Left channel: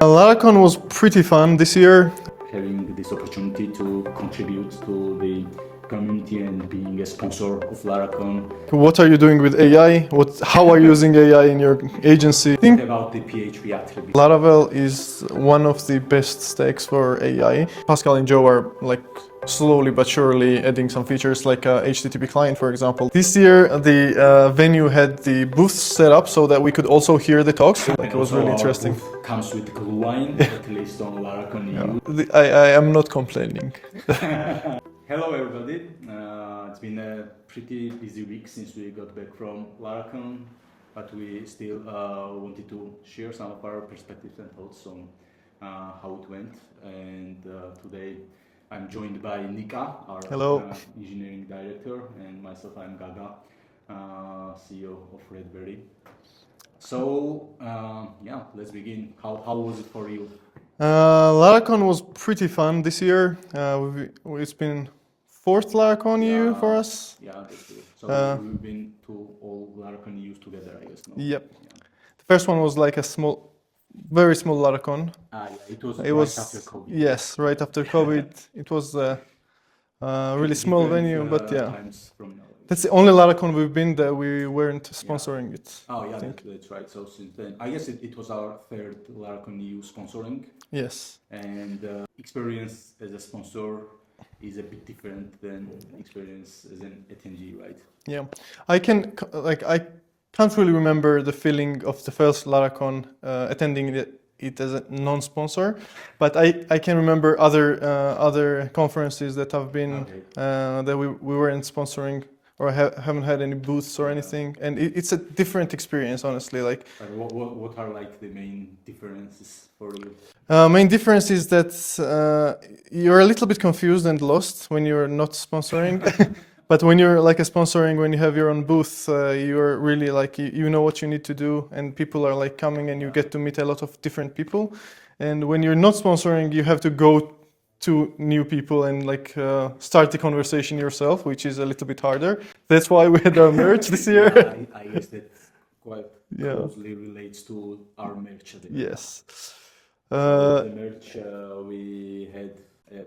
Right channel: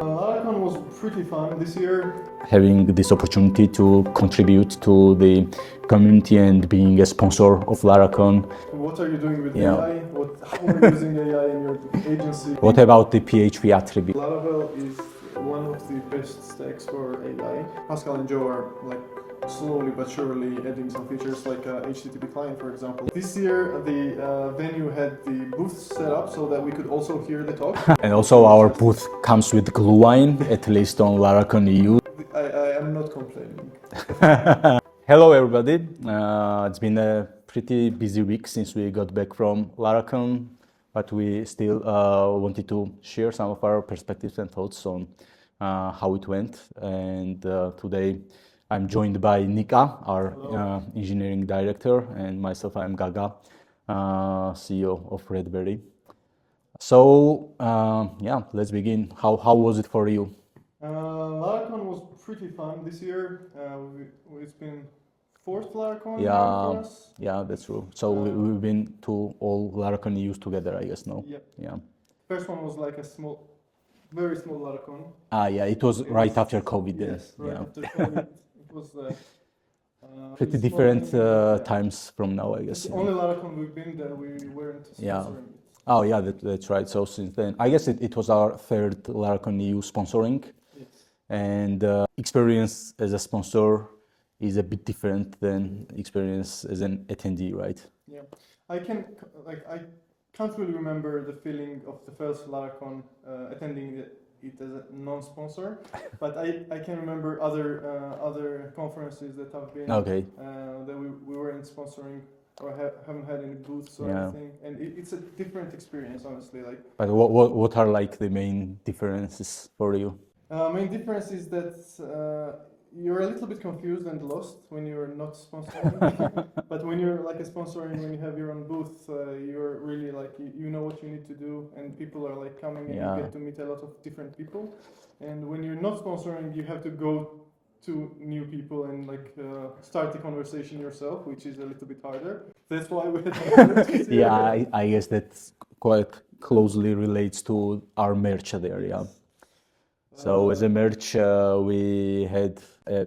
Laracon was pretty fun this year. Having this opportunity to contribute to the community and being a sponsor of Laracon. What are you doing with AI? How are you using AI in your agency? What about the PHP Attributes? Laravel is one of the best stacks for AI. Pascal and Joe are slowly but surely adding some features like HTTP client, for example. This year, the venue had the booths set up so that we could also hear the talks. And also our booth comes with Glühwein, at least on Laracon EU. I am not complaining. Hello everybody. It's been a pretty busy week since we got back from Laracon, but we still wanted to share some of our perspectives and thoughts on how it went. And today I'm joined by Nika, our engineering director, and myself, I'm Gaga, CEO of Redberry. So yeah, let's begin. How was it for you? Laracon was pretty fun this year. It's been fourth Laracon year for us. Yeah, that's true. So we've been to all Laracon EUs together, I guess, no? Yep. Yeah. The first one was like a very small Laracon. Yeah, it was right after COVID. Yes, right after COVID. It was really small venue, but yeah. Times from now, I guess. That's the only Laracon we've been that we weren't sponsoring it. Oh yeah, that's right. So since then, I guess it was our third Laracon EU sponsoring. Yes. And experience as a sponsor is a bit different than experience as an attendee, right? Yeah, I can't really remember the feeling of the first Laracon attending it as a non-sponsor, but I can remember other conferences that have been that we weren't sponsoring or haven't had any booths or anything, and it's a different experience, honestly. But what are like the main differences for you? Main difference is that you're a little bit confused and lost when you're not sponsoring, but when you're sponsoring, when you have your own booth, you're really you know what you need to do, and people are coming, and you get to meet a lot of different people. And when you're not sponsoring, you have to go to new people and start the conversation yourself, which is a little bit harder. That's why we had our merch this year. Yeah, I guess that quite closely relates to our merch there. Yes. Yeah. So as a merch, we had an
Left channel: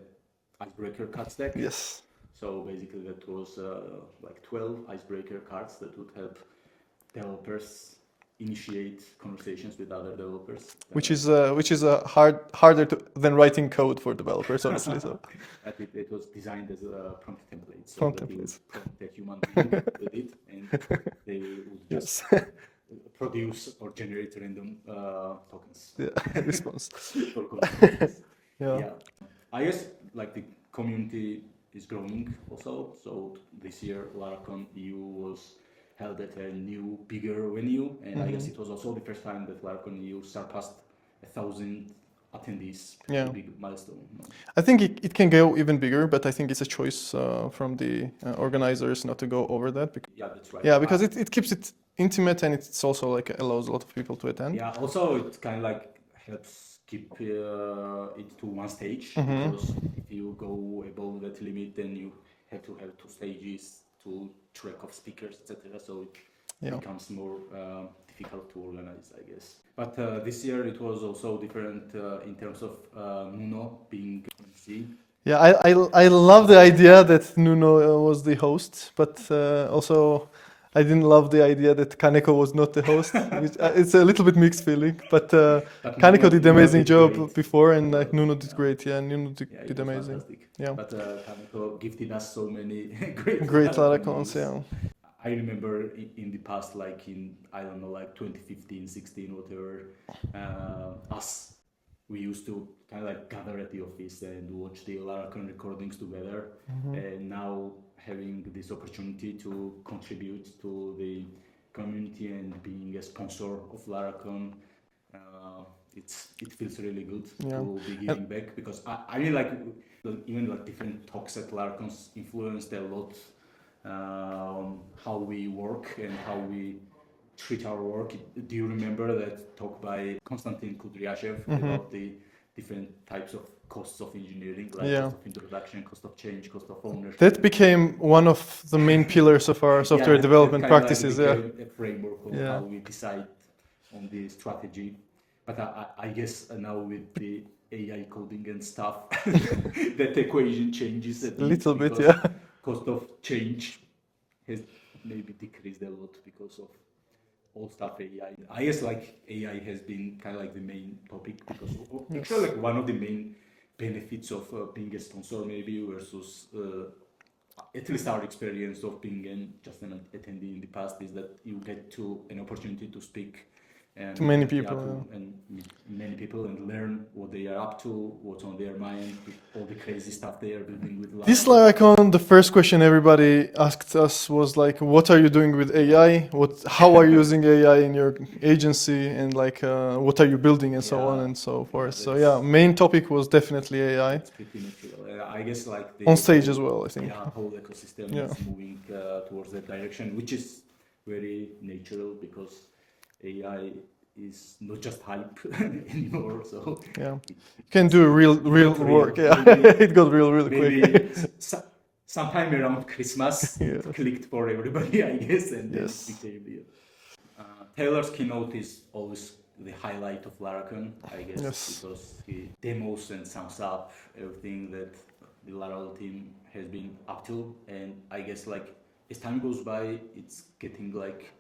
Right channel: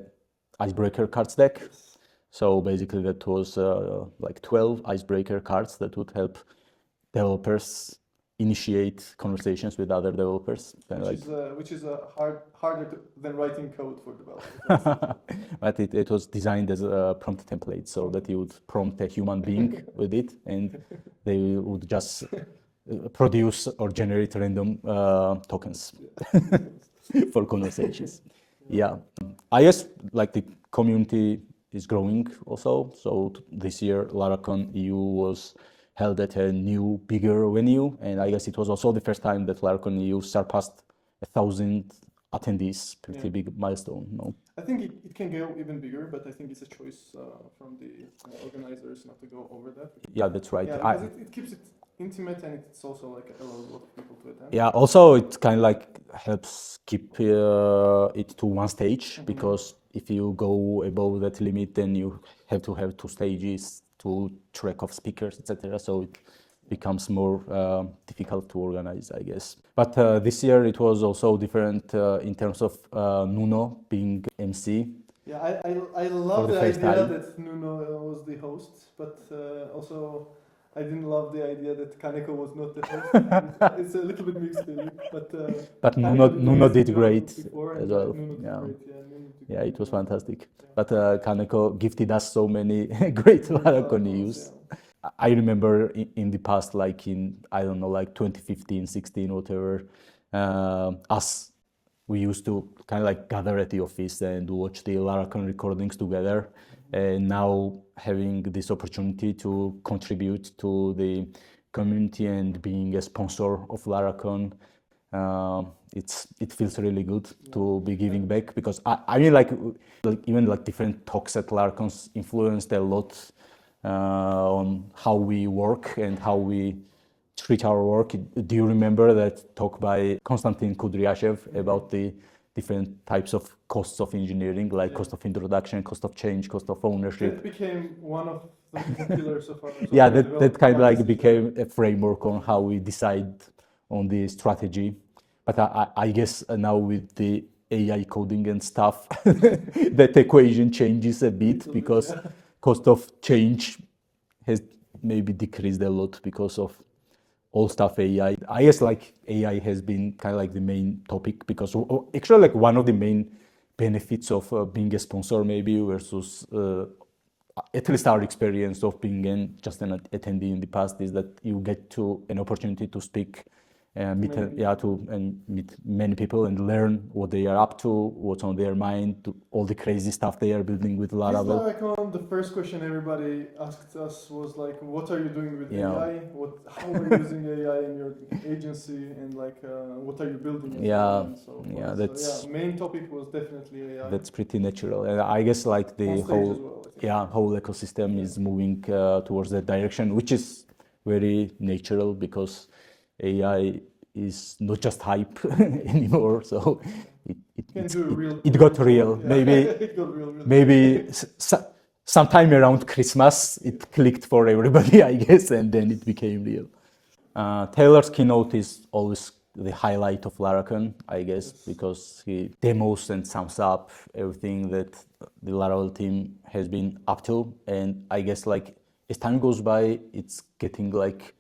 icebreaker cards deck. Yes. So basically that was 12 icebreaker cards that would help developers initiate conversations with other developers. Which is harder than writing code for developers, honestly. But it was designed as a prompt template, so that you would prompt a human being with it, and they would just produce or generate random tokens for conversations. Yeah. I guess the community is growing also. So this year Laracon EU was held at a new, bigger venue, and I guess it was also the first time that Laracon EU surpassed 1,000 attendees. Pretty big milestone. No? I think it can go even bigger, but I think it's a choice from the organizers not to go over that. Yeah, that's right. Yeah, because it keeps it intimate, and it's also allows a lot of people to attend. Yeah, also it kind of helps keep it to one stage, because if you go above that limit, then you have to have two stages, to track of speakers, etc. So it becomes more difficult to organize, I guess. But this year it was also different in terms of Nuno being MC. Yeah, I love the idea that Nuno was the host, but also I didn't love the idea that Kaneko was not the host. It's a little bit mixed feeling, but Kaneko did an amazing job before, and Nuno did great. Yeah, Nuno did it was amazing. Fantastic. Yeah. But Kaneko gifted us so many great Laracons. Yeah. I remember in the past, in 2015, 16, whatever, we used to kind of gather at the office and watch the Laracon recordings together. And now having this opportunity to contribute to the community and being a sponsor of Laracon, it feels really good to be giving back, because I mean even different talks at Laracons influenced a lot on how we work and how we treat our work. Do you remember that talk by Konstantin Kudryashev about the different types of costs of engineering, cost of introduction, cost of change, cost of ownership? That became one of the main pillars of our software development practices. Became a framework on how we decide on the strategy. but I guess now with the AI coding and stuff, that equation changes a bit Little bit, because yeah. cost of change has maybe decreased a lot because of all stuff AI. I guess like AI has been kind of like the main topic because actually like one of the main benefits of being a sponsor maybe versus at least our experience of being just an attendee in the past is that you get to an opportunity to speak and To many people, and meet many people and learn what they are up to, what's on their mind, all the crazy stuff they are building with Laravel. This Laracon, the first question everybody asked us was like, what are you doing with AI? How are you using AI in your agency? And like, what are you building and so on and so forth. So yeah, main topic was definitely AI. That's pretty natural. And I guess like the on stage as well, I think. Yeah, whole ecosystem is moving towards that direction, which is very natural because AI is not just hype anymore. So it can do real work. Yeah. Maybe it got real maybe quick. sometime around Christmas it clicked for everybody, I guess, and then it became real. Taylor's keynote is always the highlight of Laracon, I guess, because he demos and sums up everything that the Laravel team has been up to, and I guess like as time goes by, it's getting like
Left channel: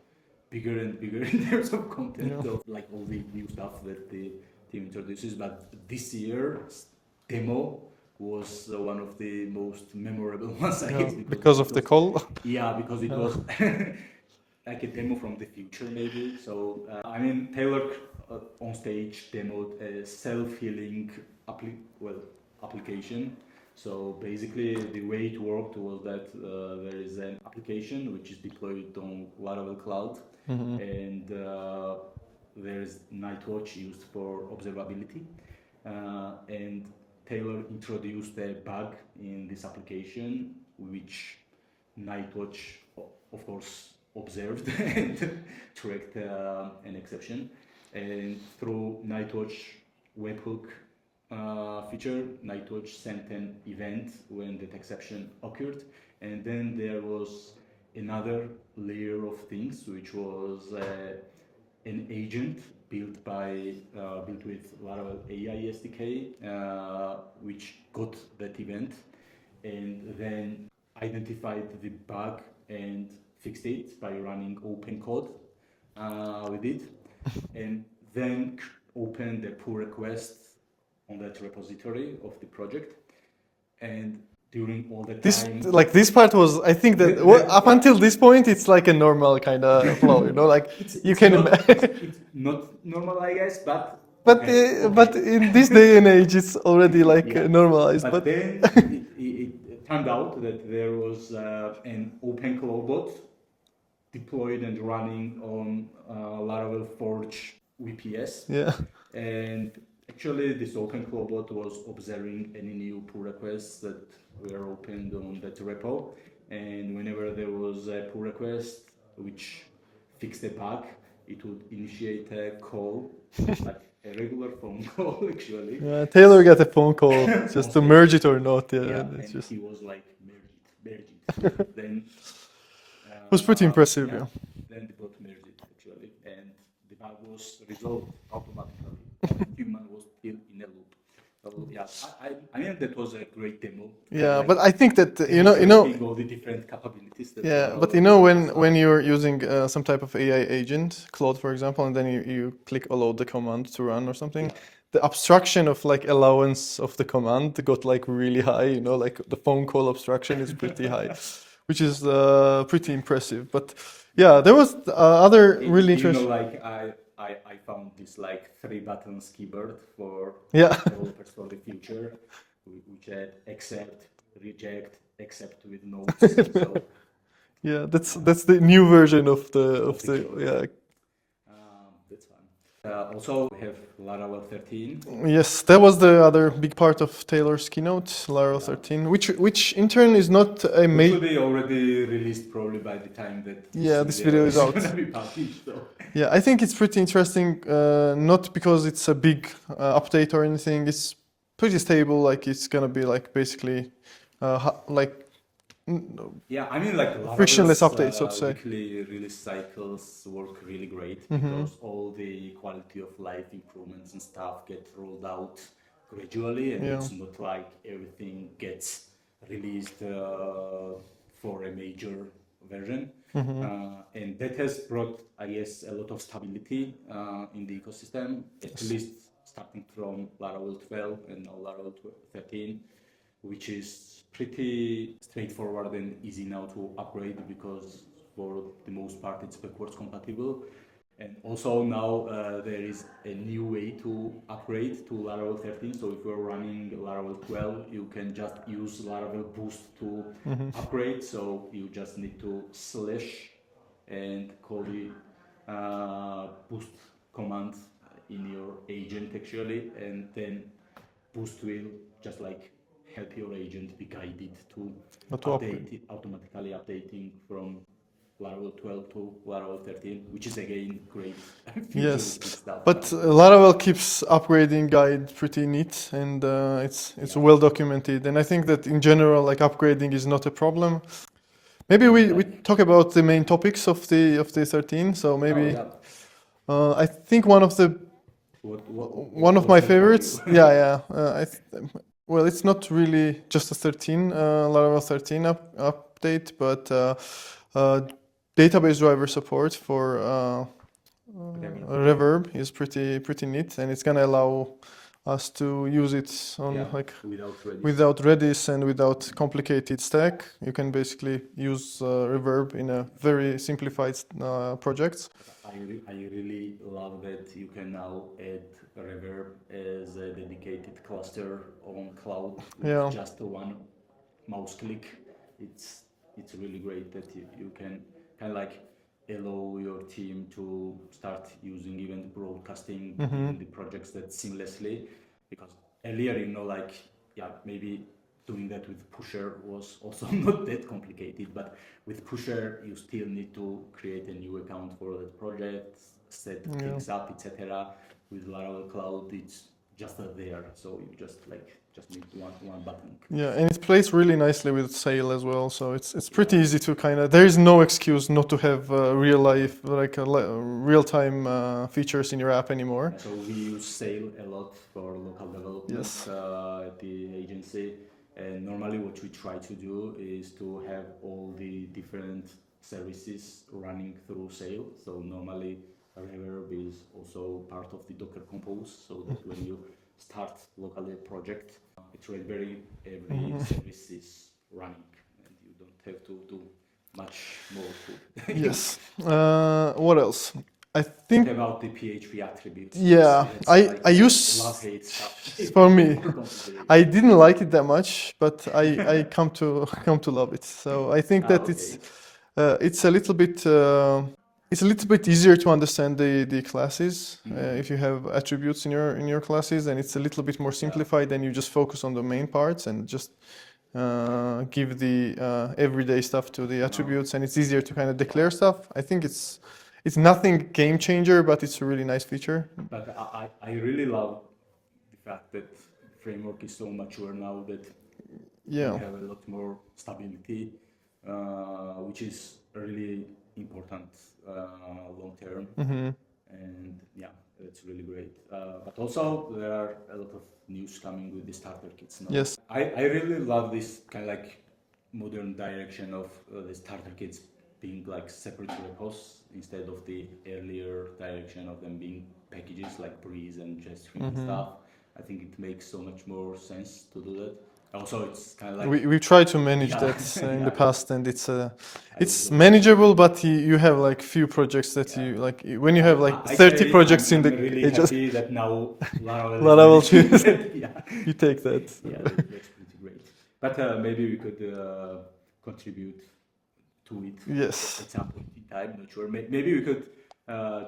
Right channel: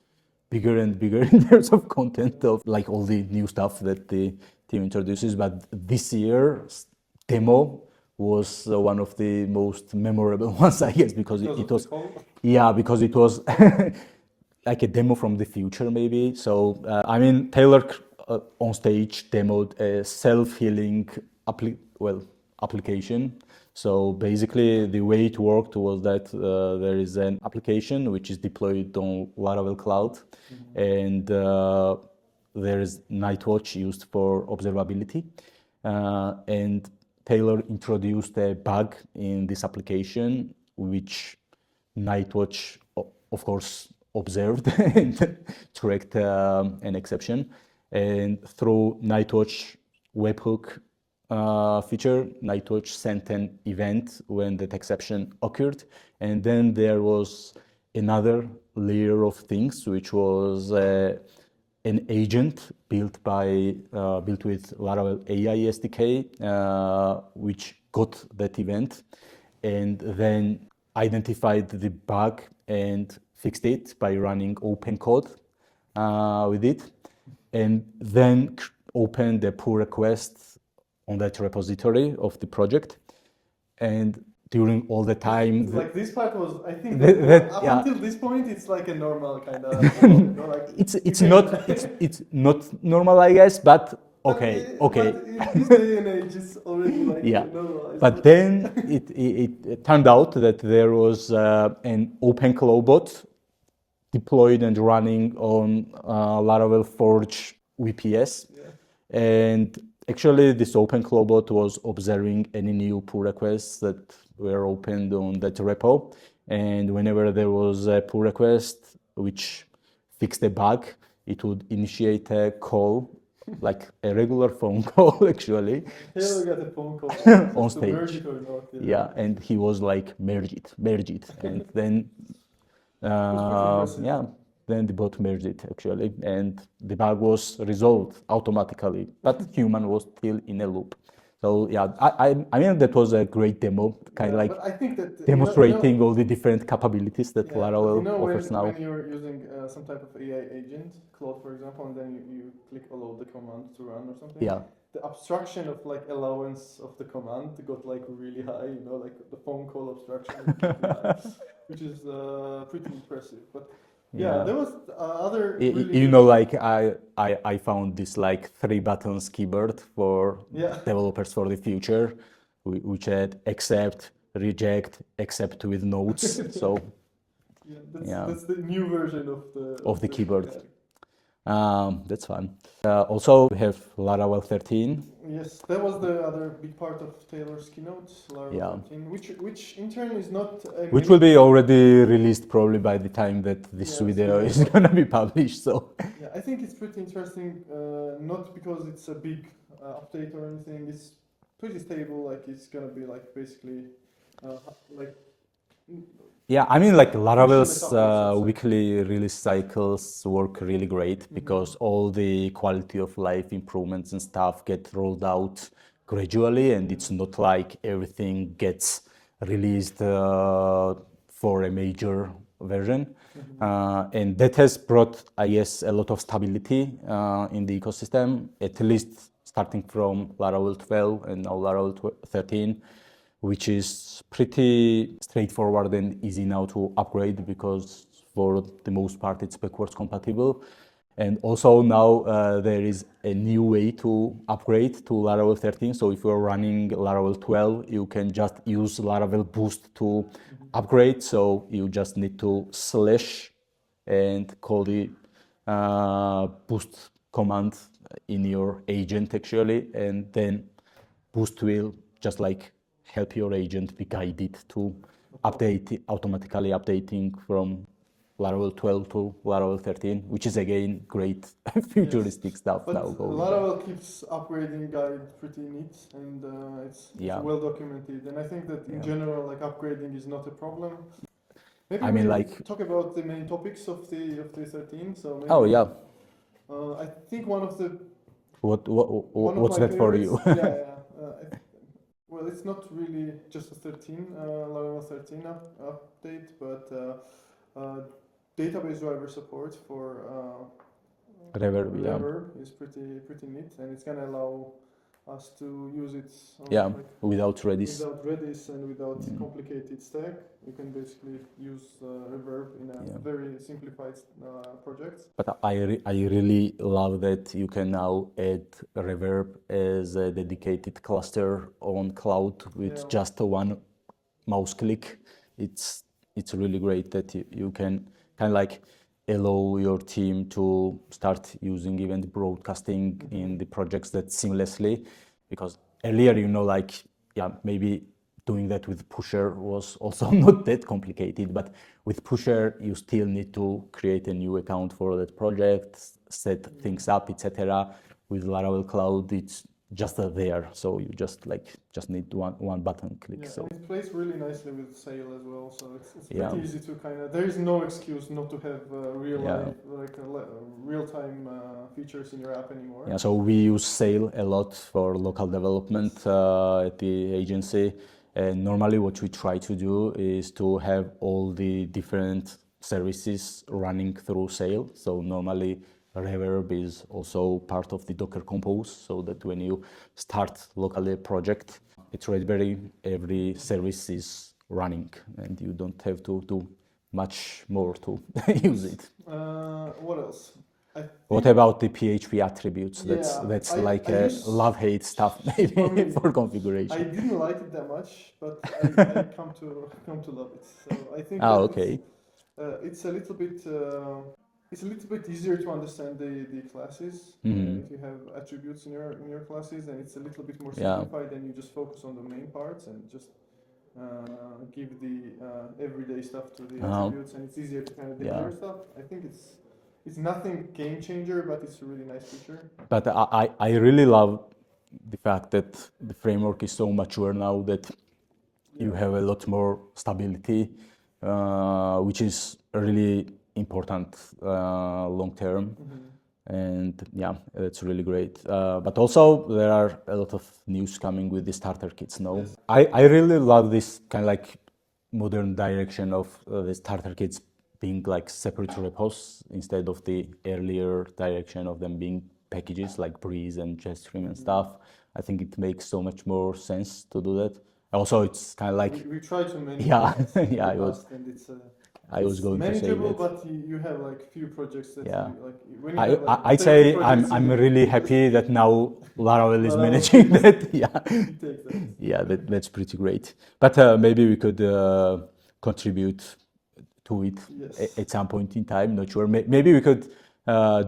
bigger and bigger in terms of content of like all the new stuff that the team introduces. But this year's demo was one of the most memorable ones, I guess, because it was, the call. Yeah, because it was like a demo from the future, maybe. So I mean, Taylor on stage demoed a self-healing application. So basically, the way it worked was that there is an application which is deployed on Laravel Cloud, and there is Nightwatch used for observability. And Taylor introduced a bug in this application, which Nightwatch, of course, observed and tracked an exception. And through Nightwatch webhook feature, Nightwatch sent an event when that exception occurred. And then there was another layer of things, which was an agent built with Laravel AI SDK, which got that event and then identified the bug and fixed it by running open code with it, and then opened a pull request on that repository of the project. And during all the time, this part was, I think that up until this point, it's like a normal kind of flow, like it's not normal, I guess, but okay. But in this day and age, it's already like normalized. But then it turned out that there was an open bot deployed and running on Laravel Forge VPS. Yeah. And actually, this open bot was observing any new pull requests that were opened on that repo. And whenever there was a pull request which fixed a bug, it would initiate a call, like a regular phone call, actually. Yeah, Taylor got a phone call just to merge it or not. And he was like, merge it. And then it was pretty impressive. Yeah. Then the bot merged it, actually, and the bug was resolved automatically, but the human was still in a loop. So yeah, I mean that was a great demo. Yeah, but I think that demonstrating all the different capabilities that. Yeah, but when you're using some type of AI agent, Claude for example, and then you click allow the command to run or something. Yeah. The abstraction of like allowance of the command got like really high. Like the phone call abstraction is pretty high, which is pretty impressive. But yeah, there was other really interesting. Like I found this like 3 buttons keyboard for developers for the future, which had accept, reject, accept with notes. So yeah, that's the new version of the keyboard. Yeah. That's fun. Also, we have Laravel 13. Yes, that was the other big part of Taylor's keynote, Laravel 13, which in turn is not a Which will be already released probably by the time that this video is going to be published. So yeah, I think it's pretty interesting, not because it's a big update or anything. It's pretty stable, like it's going to be like basically like Yeah, I mean, like frictionless Laravel's updates, so to say. weekly release cycles work really great because all the quality of life improvements and stuff get rolled out gradually, and Yeah. it's not like everything gets released for a major version. And that has brought, I guess, a lot of stability in the ecosystem, at least starting from Laravel 12 and now Laravel 13, which is pretty straightforward and easy now to upgrade because for the most part it's backwards compatible. And also now there is a new way to upgrade to Laravel 13. So if you're running Laravel 12, you can just use Laravel Boost to upgrade. So you just need to slash and call the boost command in your agent actually, and then Boost will just like help your agent be guided to update, automatically updating from Laravel 12 to Laravel 13, which is again great futuristic stuff. But now. Laravel keeps upgrading guide pretty neat, and it's Yeah. well documented. And I think that in general, like upgrading is not a problem. Maybe I we mean, like- talk about the main topics of the 13. So maybe Oh yeah. I think one of the one of what's my that for favorites. you? Yeah. Well, it's not really just a 13 Laravel 13 update, but database driver support for Reverb, yeah. Reverb is pretty neat, and it's gonna allow us to use it on Yeah, like without Redis. without Redis and without complicated stack. You can basically use Reverb in a very simplified projects. But I really love that you can now add Reverb as a dedicated cluster on cloud with just one mouse click. It's really great that you can kind of like allow your team to start using event broadcasting in the projects that seamlessly, because earlier, like, yeah, maybe doing that with Pusher was also not that complicated, but with Pusher, you still need to create a new account for that project, set things up, etc. With Laravel Cloud, it's just there, so you just need one button click. Yeah, and it plays really nicely with Sail as well, so it's pretty easy to kind of. There is no excuse not to have real life, like real time features in your app anymore. Yeah, so we use Sail a lot for local development at the agency. And normally what we try to do is to have all the different services running through Sail. So normally Reverb is also part of the Docker Compose, so that when you start locally a project, it's Raspberry, every service is running and you don't have to do much more to use it. What else? I think. What about the PHP attributes? Yeah, that's I like use love-hate stuff for me. for configuration. I didn't like it that much, but I come to love it. So I think that it's a little bit easier to understand the classes if you have attributes in your classes, and it's a little bit more simplified. And you just focus on the main parts and just give the everyday stuff to the attributes, and it's easier to kind of declare stuff. I think it's nothing game changer, but it's a really nice feature. But I really love the fact that the framework is so mature now that you have a lot more stability, which is really important long term. And yeah, that's really great. But also there are a lot of news coming with the starter kits now. Yes. I really love this kind of like modern direction of the starter kits being like separate repos instead of the earlier direction of them being packages like Breeze and JetStream and stuff. I think it makes so much more sense to do that. Also, it's kind of like we tried to manage that in the past, and it's manageable, but you have like few projects that you like when you have like 30 projects I'm really happy that now Laravel is Laravel managing that. you take that. Yeah, that's pretty great. But maybe we could contribute to it at some point in time. Not sure. Maybe we could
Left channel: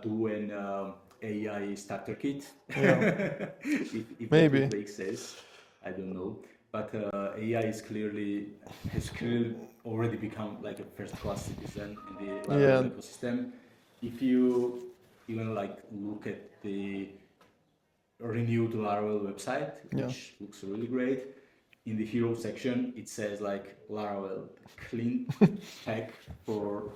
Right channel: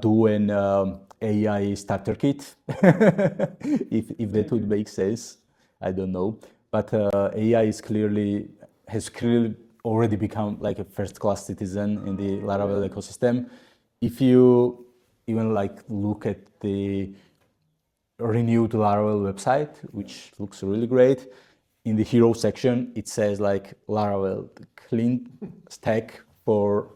do an AI starter kit if that would make sense. I don't know. But AI has clearly already become like a first-class citizen in the Laravel ecosystem. If you even like look at the renewed Laravel website, which looks really great, in the hero section, it says like Laravel clean stack for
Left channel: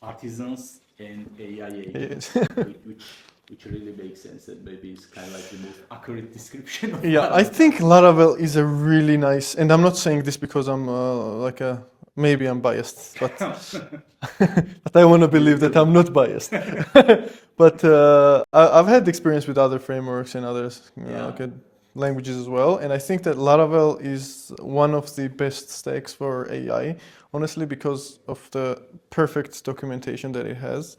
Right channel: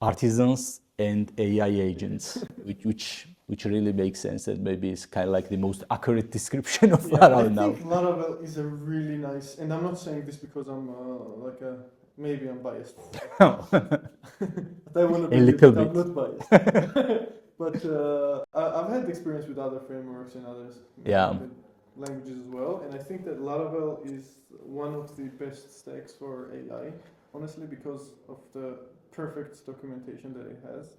artisans and AI agents, which really makes sense. That maybe it's kind of like the most accurate description of Yeah, Laravel I now. think Laravel is a really nice, and I'm not saying this because I'm maybe I'm biased, but but I want to believe that I'm not biased. But I've had experience with other frameworks and others, languages as well, and I think that Laravel is one of the best stacks for AI, honestly, because of the perfect documentation that it has,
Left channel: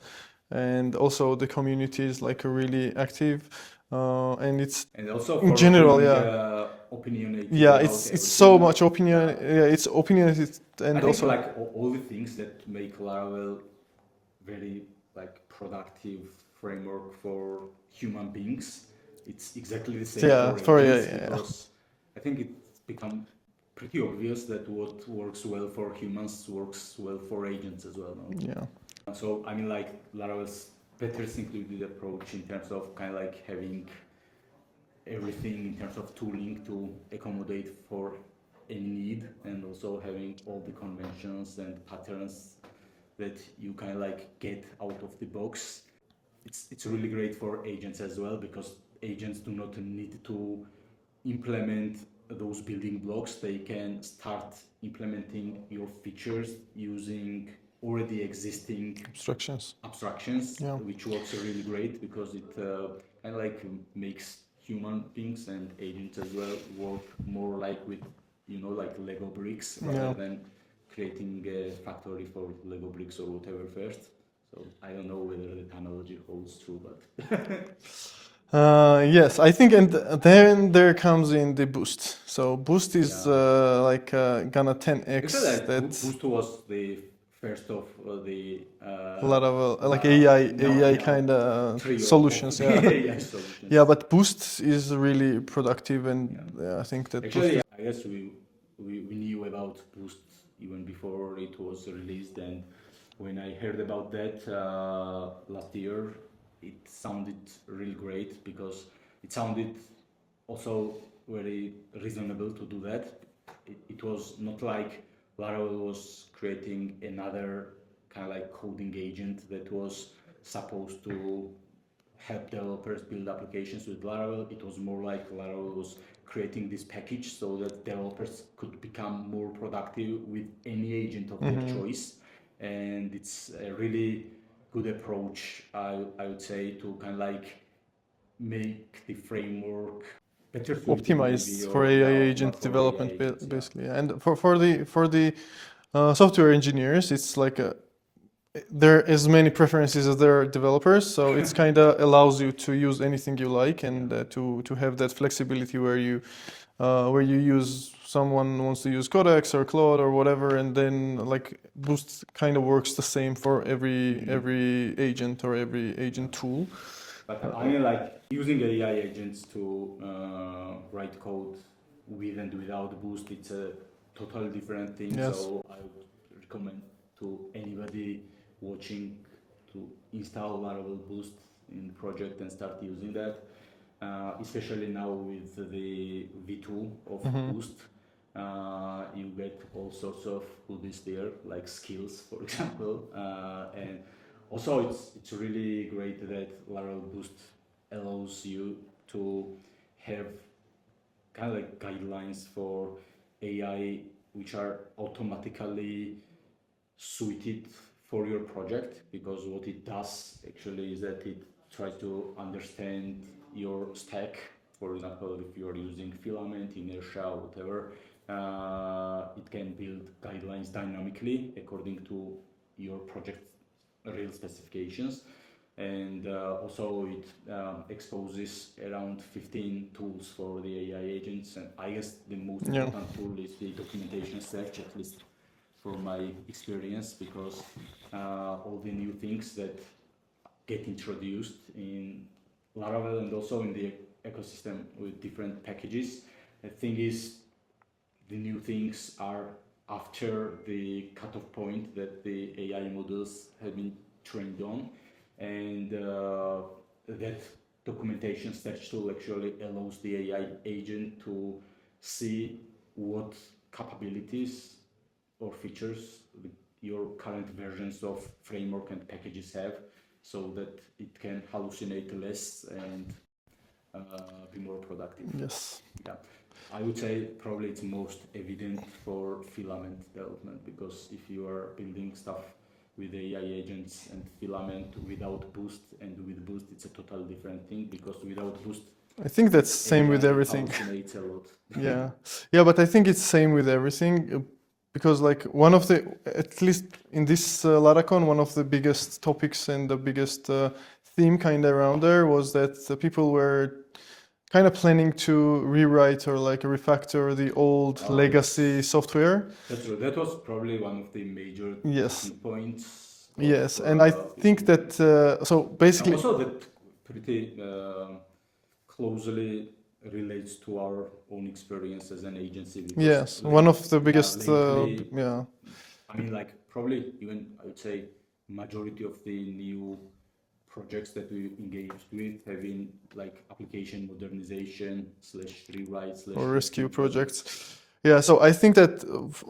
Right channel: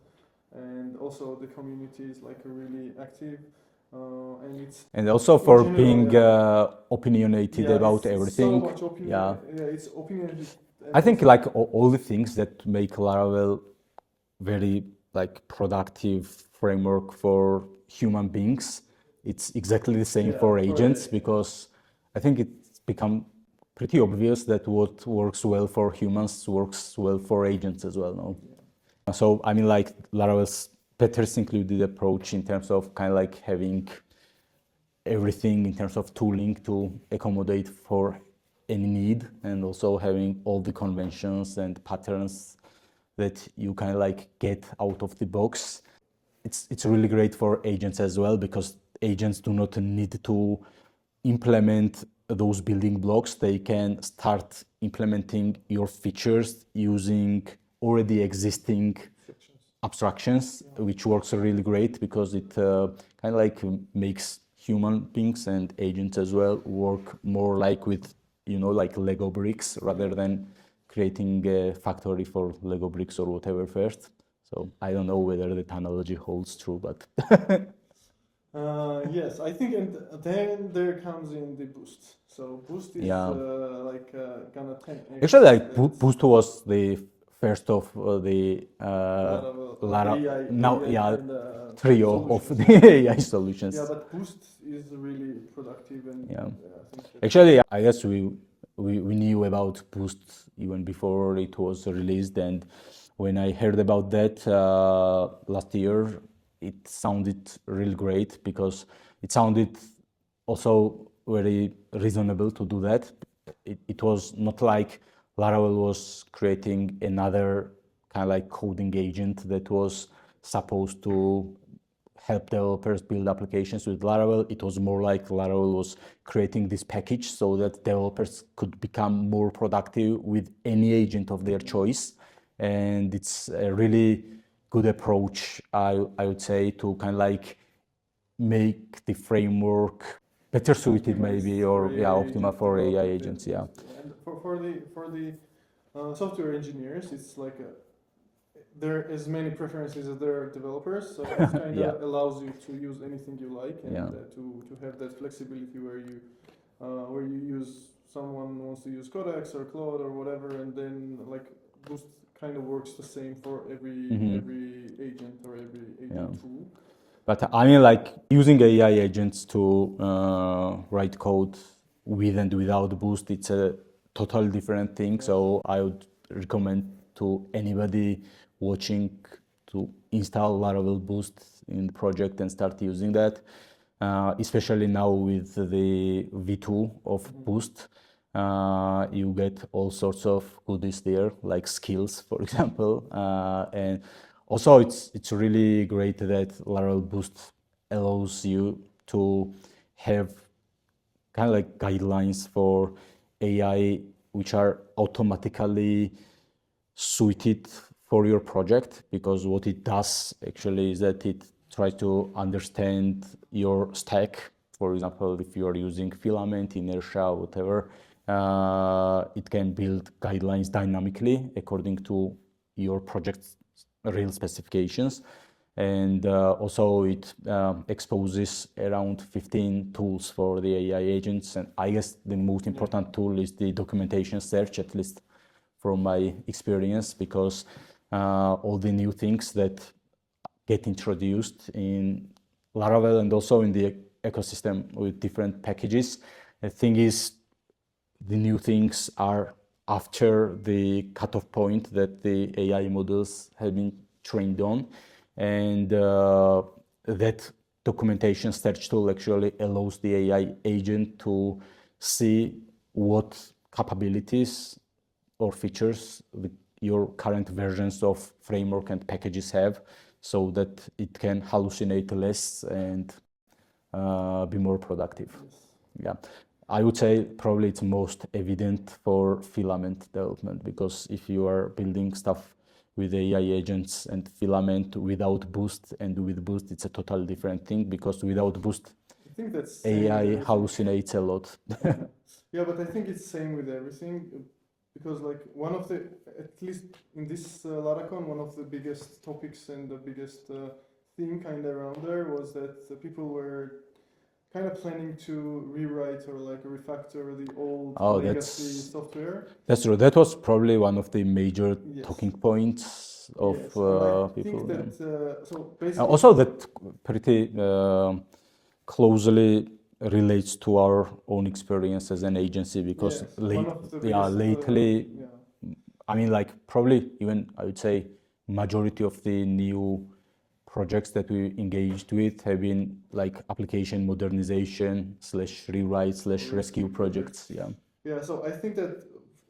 and also the community is like really active, and it's And also in for general, being opinionated yeah, about it's everything. so much opinion. Yeah. Yeah, it's opinionated, and I think also, like all the things that make Laravel very like productive framework for human beings, it's exactly the same for agents, because I think it's become pretty obvious that what works well for humans works well for agents as well. No? Yeah. So I mean, like Laravel's better included approach in terms of kind of like having everything in terms of tooling to accommodate for any need, and also having all the conventions and patterns that you kind of like get out of the box. It's really great for agents as well, because agents do not need to implement those building blocks. They can start implementing your features using already existing abstractions, which works really great, because it kind of like makes human beings and agents as well work more like with, you know, like Lego bricks, rather than creating a factory for Lego bricks or whatever first. So I don't know whether that analogy holds true, but yes, I think, and then there comes in the boost. So boost is gonna 10x. Actually, like Boost was the first of the Laravel, like AI kind of solutions. Of the AI solutions. Yeah, but boost is really productive, and I think that actually, I guess we knew about Boost even before it was released, and when I heard about that last year, it sounded really great, because it sounded also very reasonable to do that. It was not like Laravel was creating another kind of like coding agent that was supposed to help developers build applications with Laravel. It was more like Laravel was creating this package so that developers could become more productive with any agent of their choice. And it's a really good approach, I would say, to kind of like make the framework better suited optimized maybe, for or AI optimal agent for development, AI agents, basically. And for the software engineers, it's like there are as many preferences as there are developers, so it's kind of allows you to use anything you like, and to have that flexibility where you use, someone wants to use Codex or Claude or whatever, and then like Boost kind of works the same for every agent or every agent tool. But I mean, like using AI agents to write code with and without Boost, it's a totally different thing. Yes. So I would recommend to anybody watching to install Laravel Boost in the project and start using that. Especially now with the V2 of Boost, you get all sorts of goodies there, like skills, for example, and also it's really great that Laravel Boost allows you to have kind of like guidelines for AI, which are automatically suited for your project, because what it does actually is that it tries to understand your stack. For example, if you are using Filament, Inertia, whatever, it can build guidelines dynamically according to your project's real specifications. And also it exposes around 15 tools for the AI agents. And I guess the most important tool is the documentation search, at least from my experience, because all the new things that get introduced in Laravel and also in the ecosystem with different packages, the thing is, the new things are after the cutoff point that the AI models have been trained on, and that documentation search tool actually allows the AI agent to see what capabilities or features your current versions of framework and packages have, so that it can hallucinate less and be more productive. Yes. Yeah. I would say probably it's most evident for filament development, because if you are building stuff with AI agents and filament without Boost, and with Boost it's a totally different thing, because without Boost I think that's same AI with everything. hallucinates a lot. Yeah, yeah, but I think it's same with everything, because like one of the, at least in this Laracon, one of the biggest topics and the biggest theme kind of around there was that the people were kind of planning to rewrite or like refactor the old legacy software. That's true. That was probably one of the major Yes. talking points. Yes, and I think that so basically also that pretty closely relates to our own experience as an agency, because yes, one of the biggest lately, yeah. I mean, like probably even I would say majority of the new projects that we engaged with have been like application modernization / rewrite / rescue projects. Yeah. Yeah, so I think that,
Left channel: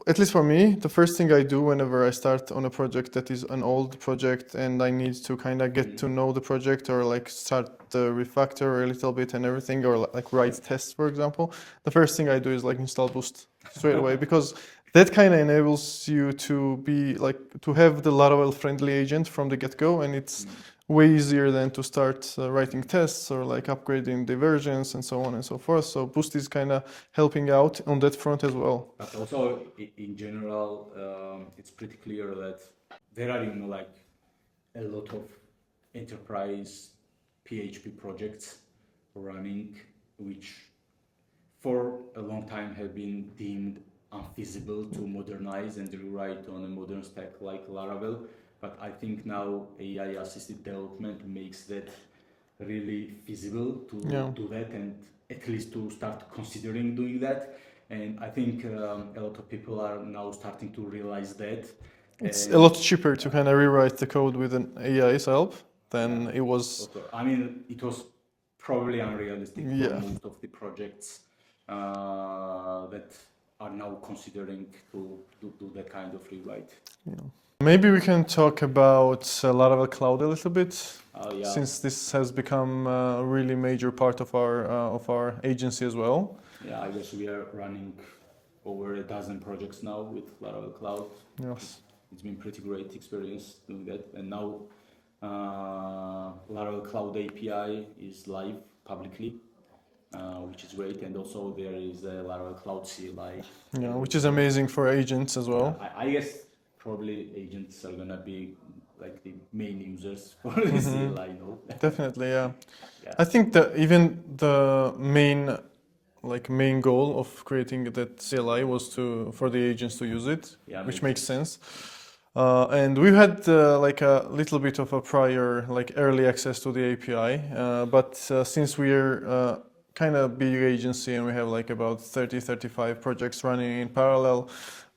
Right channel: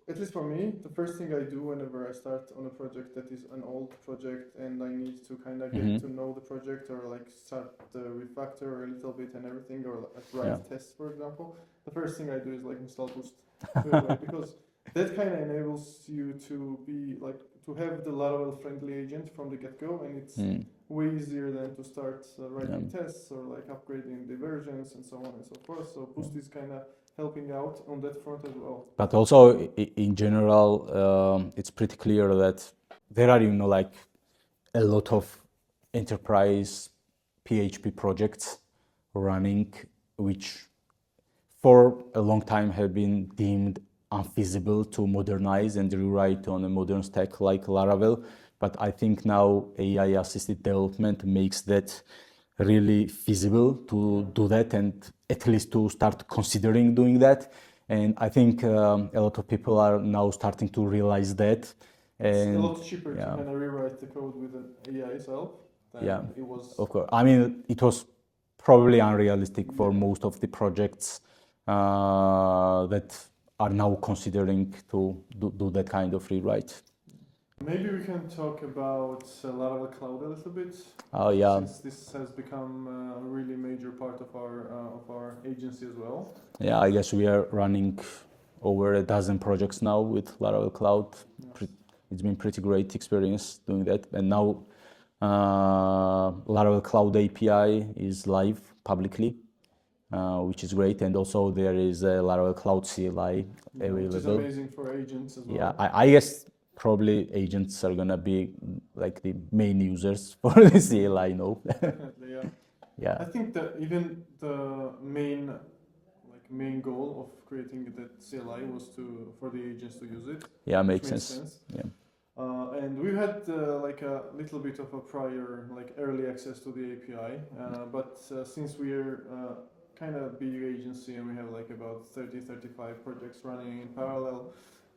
at least for me, the first thing I do whenever I start on a project that is an old project and I need to kind of get to know the project, or like start the refactor a little bit and everything, or like write tests, for example, the first thing I do is like install Boost straight away, because that kind of enables you to be like, to have the Laravel friendly agent from the get-go, and it's way easier than to start writing tests or like upgrading the versions and so on and so forth. So Boost is kind of helping out on that front as well. But also in general, it's pretty clear that there are, like a lot of enterprise PHP projects running, which for a long time have been deemed unfeasible to modernize and rewrite on a modern stack like Laravel. But I think now AI-assisted development makes that really feasible to do that, and at least to start considering doing that. And I think a lot of people are now starting to realize that. It's a lot cheaper to kind of rewrite the code with an AI's help than it was. Of course. I mean, it was probably unrealistic for most of the projects that are now considering to do that kind of rewrite. Yeah. Maybe we can talk about Laravel Cloud a little bit, since this has become a really major part of our agency as well. Yeah, I guess we are running over a dozen projects now with Laravel Cloud. Yes. It's been pretty great experience doing that, and now Laravel Cloud API is live publicly, which is great, and also there is a Laravel Cloud CLI, which is amazing for agents as well. Yeah, I guess probably agents are gonna be like the main users for the CLI now. Definitely, yeah. Yeah. I think that even the main goal of creating that CLI was for the agents to use it, which makes sense. Yeah. And we had like a little bit of a prior early access to the API, but since we're kind of big agency and we have like about 30-35 projects running in parallel,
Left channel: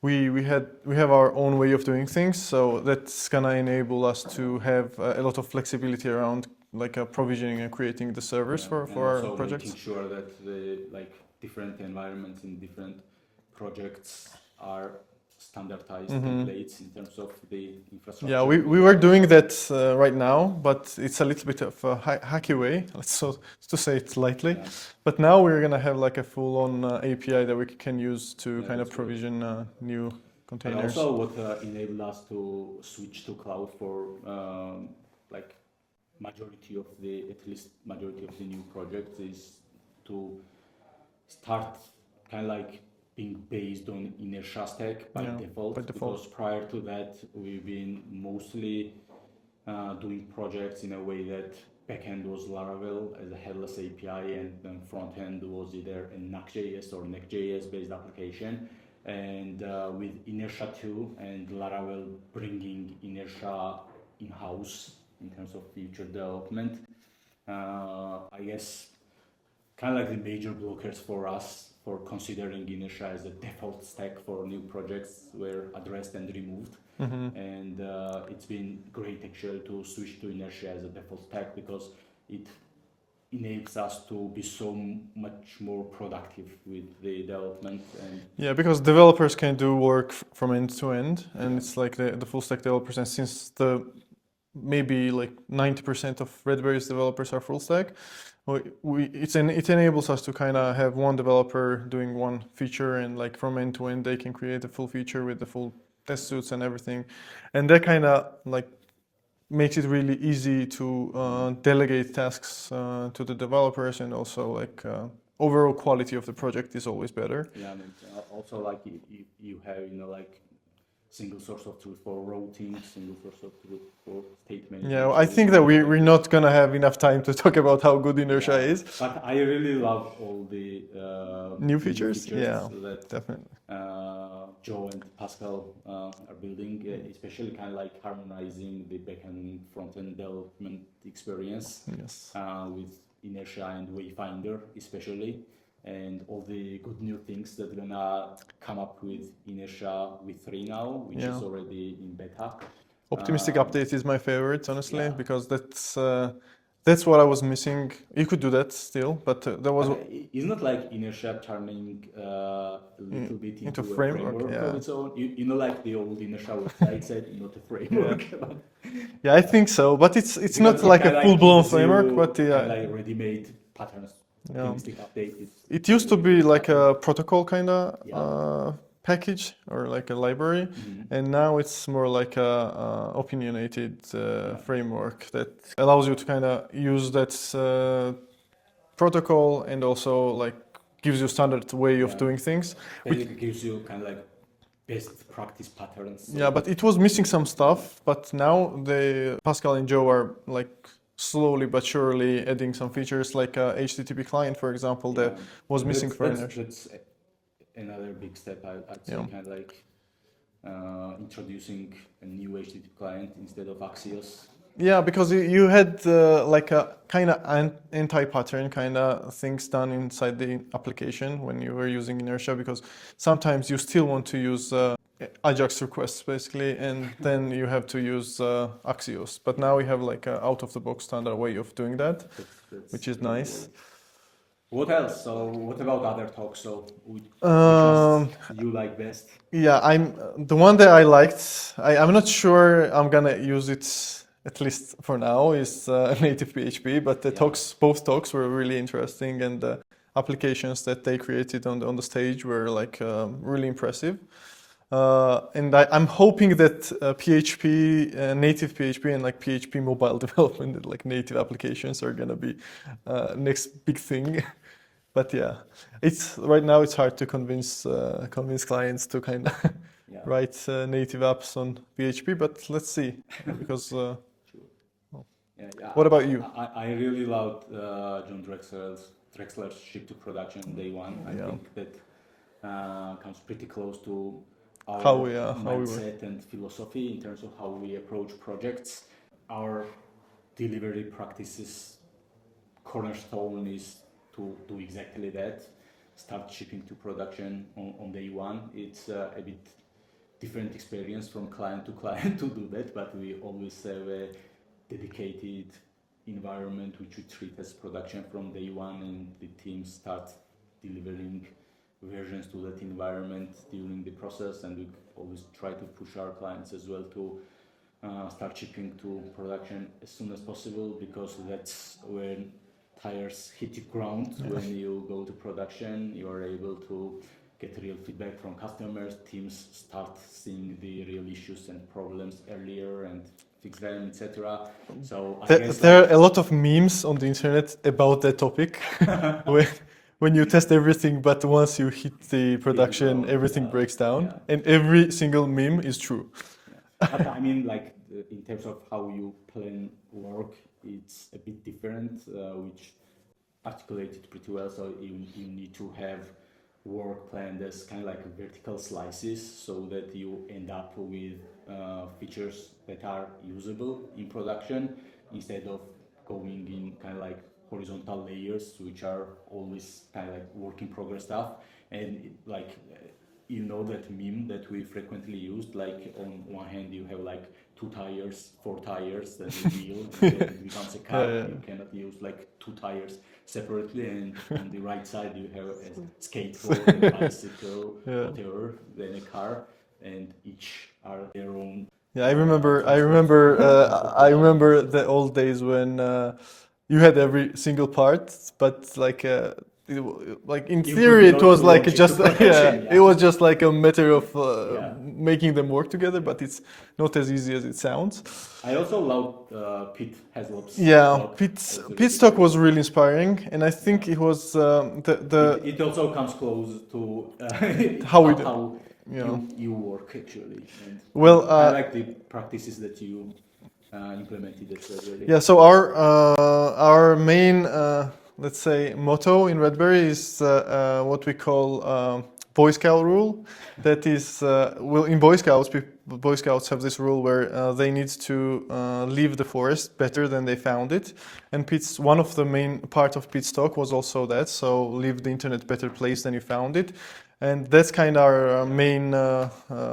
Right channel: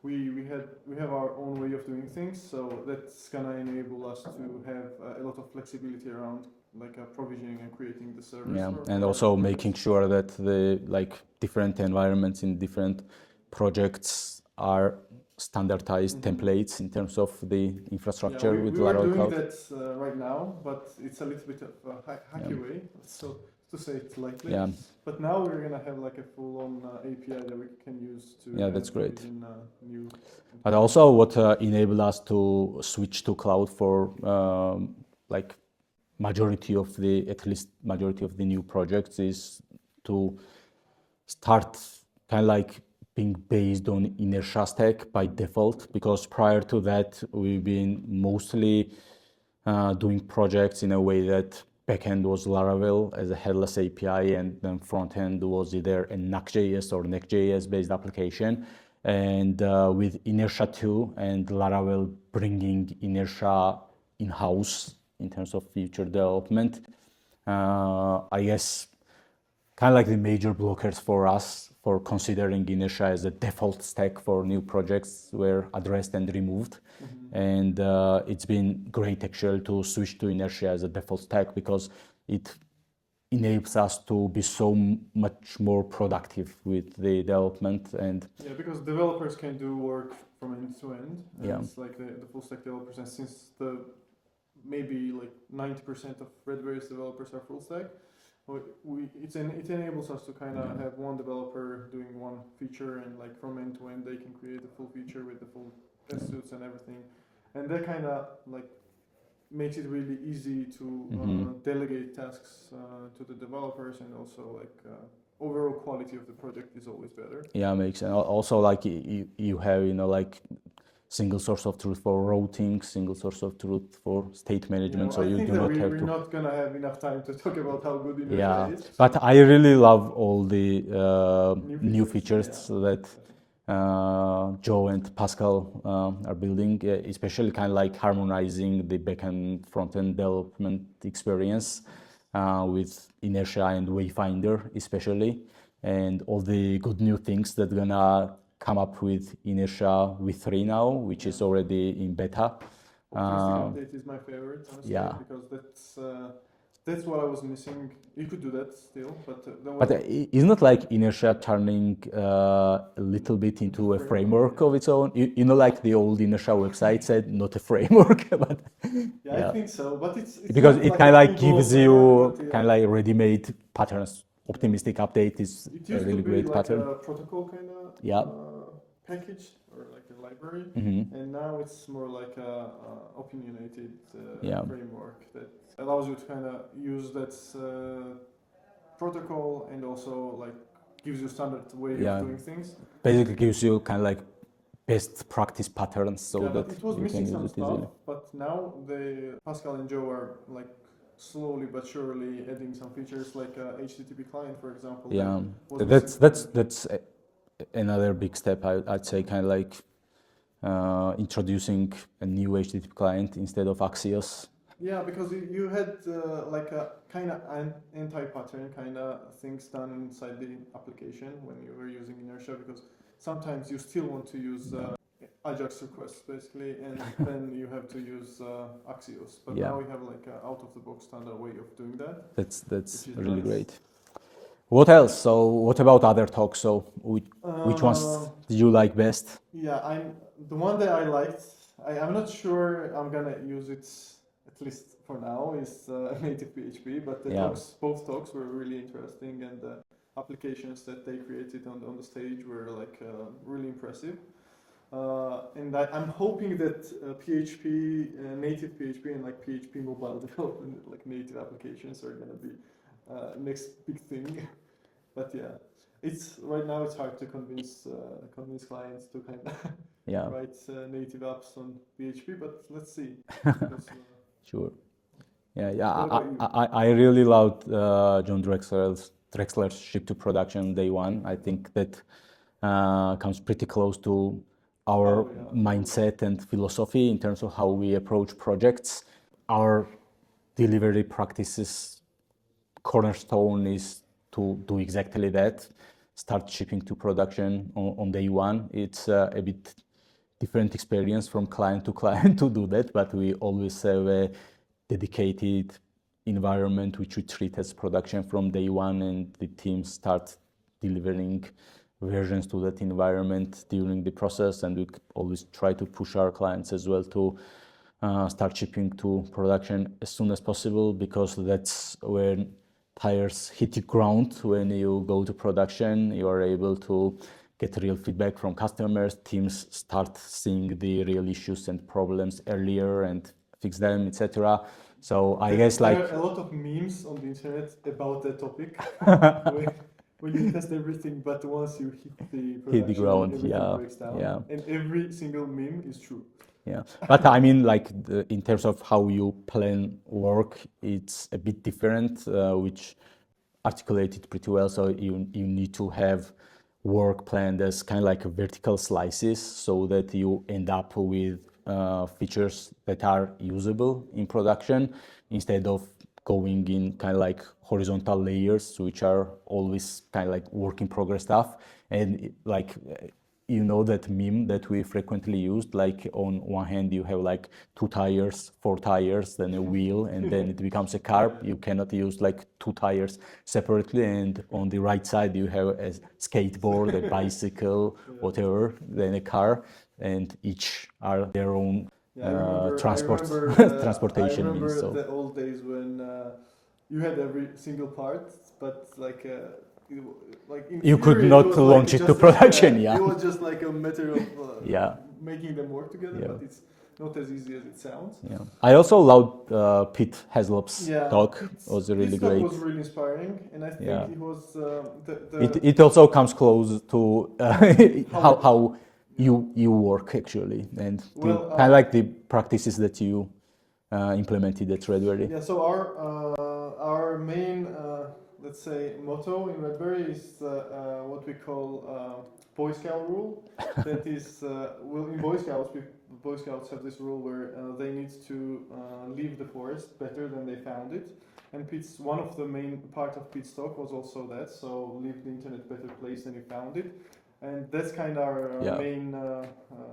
we have our own way of doing things, so that's gonna enable us to have a lot of flexibility around provisioning and creating the servers for and also making sure that the different environments in different projects are standardized templates in terms of the infrastructure. Yeah, we were doing that right now, but it's a little bit of a hacky way, to say it lightly. Yeah. But now we're gonna have like a full-on API that we can use to kind of provision new containers. And also, what enabled us to switch to cloud for at least majority of the new projects is to start kind of like being based on inertia stack by default, because prior to that we've been mostly doing projects in a way that backend was Laravel as a headless API, and then frontend was either a Nuxt.js or Next.js based application. And with Inertia 2 and Laravel bringing Inertia in-house in terms of future development, I guess kind of like the major blockers for us for considering Inertia as a default stack for new projects were addressed and removed. And it's been great actually to switch to Inertia as a default stack, because it enables us to be so much more productive with the development. And yeah, because developers can do work from end to end, and yeah, it's like the full stack developers. And since the maybe like 90% of Redberry's developers are full stack, it enables us to kind of have one developer doing one feature, and like from end to end they can create a full feature with the full test suits and everything, and that kind of like makes it really easy to delegate tasks to the developers, and also like overall quality of the project is always better. yeah, makes sense. Also, like you have, you know, like single source of truth for routing, single source of truth for state management. Yeah, so I you think do that not have we're to- not gonna have enough time to talk about how good inertia Yeah, is. but I really love all the New features, yeah, so that definitely. Joe and Pascal are building, especially kind of like harmonizing the backend front-end development experience Yes. with Inertia and Wayfinder especially, and all the good new things that gonna come up with Inertia v3 now, which is Yeah. already in beta. Optimistic update is my favorite, honestly, yeah. because that's what I was missing. You could do that still, but that was But isn't it like Inertia turning a little bit into a framework yeah. of its own? You know, like the old Inertia website said, not a framework, but Yeah, I think so, but it's because not it like kinda a full-blown gives framework, you but kind yeah. of like ready-made patterns. Optimistic update is It used a to be ready-made like pattern. a protocol kind of Yeah. package, or like a library, and now it's more like a opinionated Yeah. framework that allows you to kind of use that protocol, and also like gives you standard way of Yeah. doing things. Basically gives you kind of like best practice patterns. So Yeah, but that it was you missing can some able to do. stuff. But now the Pascal and Joe are like slowly but surely adding some features, like HTTP client, for example, that was missing for Inertia. That's another big step. I'd say kind of like introducing a new HTTP client instead of Axios. Yeah, because you had like a kind of anti-pattern kind of things done inside the application when you were using Inertia, because sometimes you still want to use Ajax requests basically, and then you have to use Axios. But now we have like an out-of-the-box standard way of doing that, which is really nice. great. What else? So what about other talks? So which ones did you like best? Yeah, I'm the one that I liked. I'm not sure I'm gonna use it, at least for now, is native PHP. But the both talks were really interesting, and the applications that they created on the stage were like really impressive. And I'm hoping that PHP, native PHP, and like PHP mobile development, like native applications, are gonna be next big thing. But yeah, right now it's hard to convince clients to kind of write native apps on PHP. But let's see, because sure. Yeah. What about you? I really loved John Drexler's ship to production day one. I think that comes pretty close to our mindset and philosophy in terms of how we approach projects. Our delivery practices cornerstone is to do exactly that, start shipping to production on day one. It's a bit different experience from client to client to do that, but we always have a dedicated environment which we treat as production from day one, and the teams start delivering versions to that environment during the process, and we always try to push our clients as well to start shipping to production as soon as possible, because that's when tires hit the ground. When you go to production, you are able to get real feedback from customers. Teams start seeing the real issues and problems earlier and fix them, etc. So I guess there are a lot of memes on the internet about that topic. When you test everything, but once you hit the production, everything breaks down, and every single meme is true. Yeah, but I mean, like in terms of how you plan work, it's a bit different, which articulated pretty well. So you need to have work planned as kind of like vertical slices, so that you end up with features that are usable in production, instead of going in kind of like horizontal layers, which are always kind of like work in progress stuff. And like you know that meme that we frequently used, like on one hand you have like 2 tires, 4 tires, then a wheel, and then it becomes a car. Yeah. You cannot use like 2 tires separately, and on the right side you have a skateboard, a bicycle, whatever, then a car, and each are their own. Yeah, I remember. transportation I remember means, so. the old days when you had every single part, but like like in You could theory, it not was like launch it just to production, yeah. it was just like a matter of Yeah. making them work together. But it's not as easy as it sounds. I also loved Pete Haslop's talk. Pete's talk was really inspiring, and I think it was It also comes close to how you work actually, and I like the practices that you implemented at Redberry. Yeah, so our main let's say motto in Redberry is what we call Boy Scout rule. That is, in Boy Scouts have this rule where they need to leave the forest better than they found it. And one of the main part of Pete's talk was also that. So leave the internet better place than you found it. And that's kind of our main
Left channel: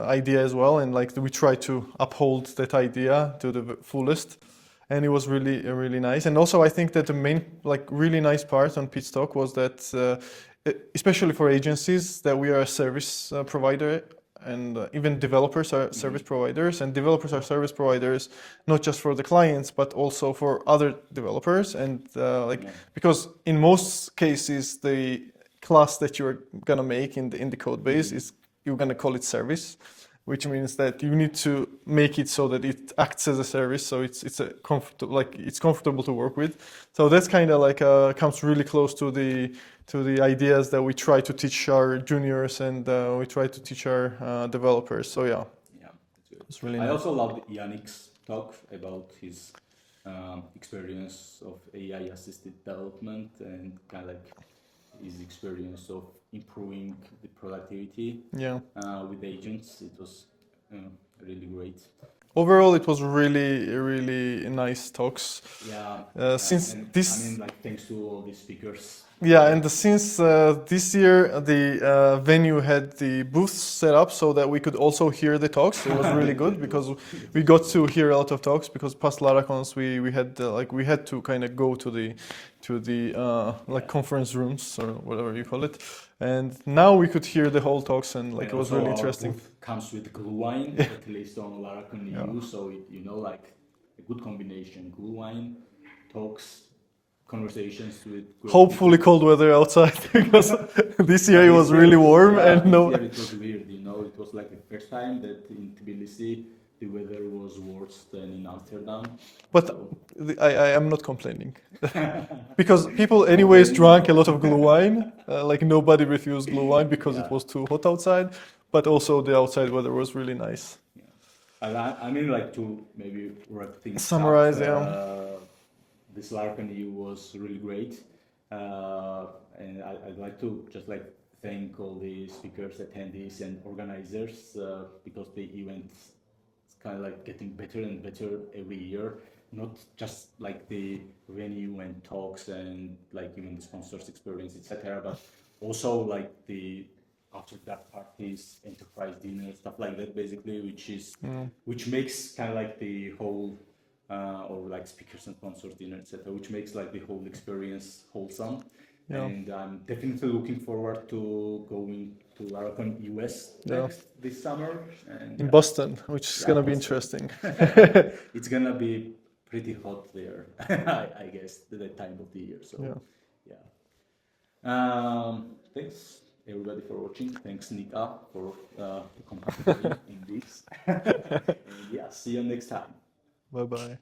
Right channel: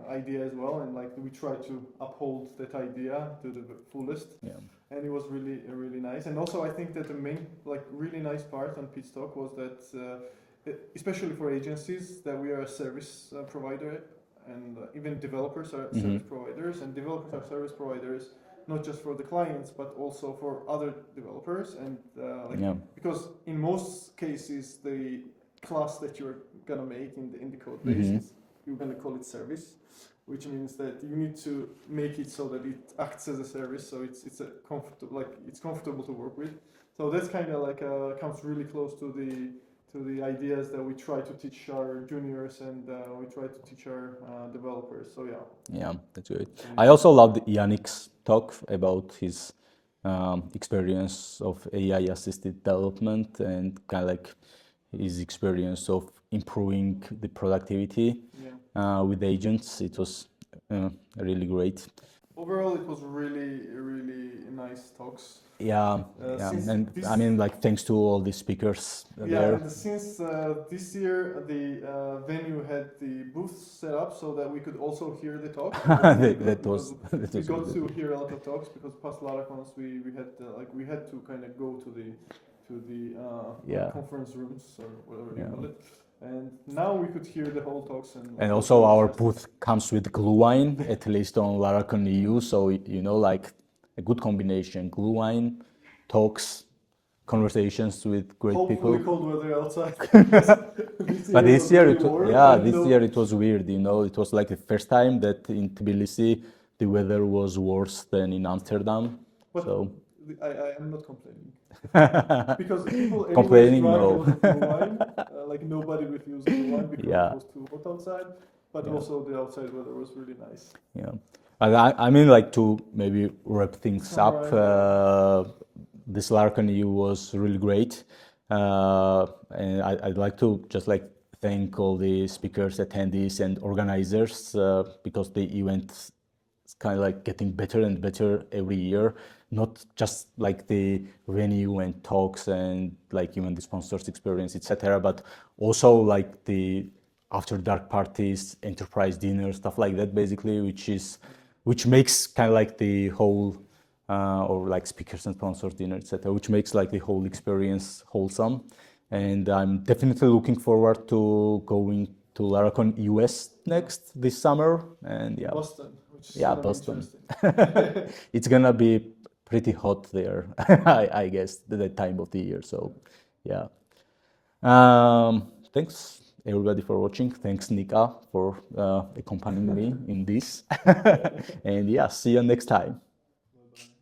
idea as well. And like we try to uphold that idea to the fullest. Yeah. And it was really nice. And also I think that the main really nice part on Pete's talk was that especially for agencies, that we are a service provider, and even developers are service providers, and developers are service providers not just for the clients but also for other developers, and because in most cases the class that you're gonna make in the code base is you're gonna call it service, which means that you need to make it so that it acts as a service, so it's comfortable to work with. So that's kind of comes really close to the ideas that we try to teach our juniors, and we try to teach our developers. So yeah, that's good. Really I also loved Yannick's talk about his experience of AI assisted development and kind of like his experience of improving the productivity with agents. It was really great. Overall, it was really nice talks. Thanks to all the speakers. And since this year the venue had the booths set up so that we could also hear the talks. It was really good because we got to hear a lot of talks, because past Laracons we had to kind of go to the conference rooms or whatever you call it. And now we could hear the whole talks, and and it was also really our interesting. booth comes with Glühwein, at least on Laracon EU. So like a good combination: Glühwein, talks, conversations with great Hopefully people. cold weather outside, because this year it was really warm. This year it was weird. It was like the first time that in Tbilisi the weather was worse than in Amsterdam. But I am not complaining, because people anyways drank a lot of Glühwein. Nobody refused Glühwein because it was too hot outside. But also the outside weather was really nice. Yeah, I mean, like, to maybe wrap things Summarize, up. This Laracon EU was really great, and I'd like to just thank all the speakers, attendees, and organizers, because the event is kind of getting better and better every year. Not just the venue and talks and even the sponsors experience, etc., but also the after dark parties, enterprise dinners, stuff like that, basically, which makes kind of the whole or speakers and sponsors dinner, etc., which makes the whole experience wholesome. Yeah. And I'm definitely looking forward to going to Laracon US next this summer, and in Boston, which is gonna be interesting. It's gonna be pretty hot there, I guess, that time of the year. So thanks everybody for watching. Thanks Nika for accompanying me in this. And see you next time. Bye bye.